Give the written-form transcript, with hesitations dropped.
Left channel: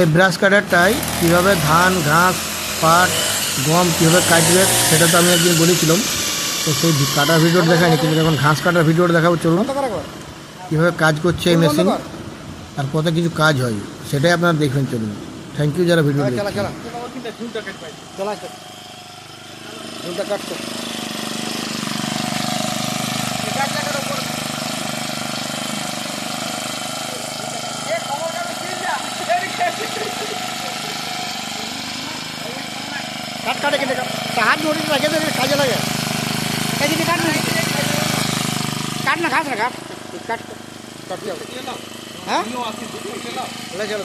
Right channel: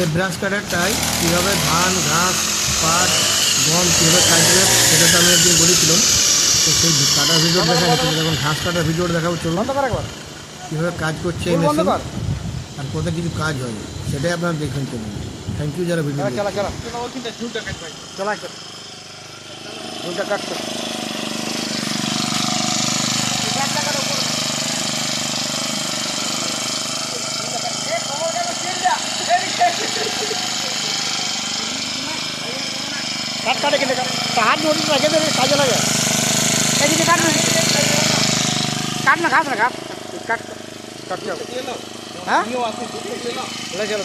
এই ব্রাশ কাটারটাই কীভাবে ধান, ঘাস, পাট, গম কীভাবে কাটবে সেটা তো আমি একদিন বলেছিলাম। তো সেই কাটার ভিডিও দেখায়নি, কিন্তু যখন ঘাস কাটার ভিডিওটা দেখাবো চলুন কীভাবে কাজ করছে এই মেশিন আর কত কিছু কাজ হয় সেটাই আপনারা দেখবেন। চলুন, থ্যাংক ইউ যারা ভিডিও কাটছে। কাট কাটে কেটে হাত নোটিস রাখে দেবে, কাজে লাগে। এদিকে কাট না, কাট না, কাট কাট কাটতে হবে। হ্যাঁ চলো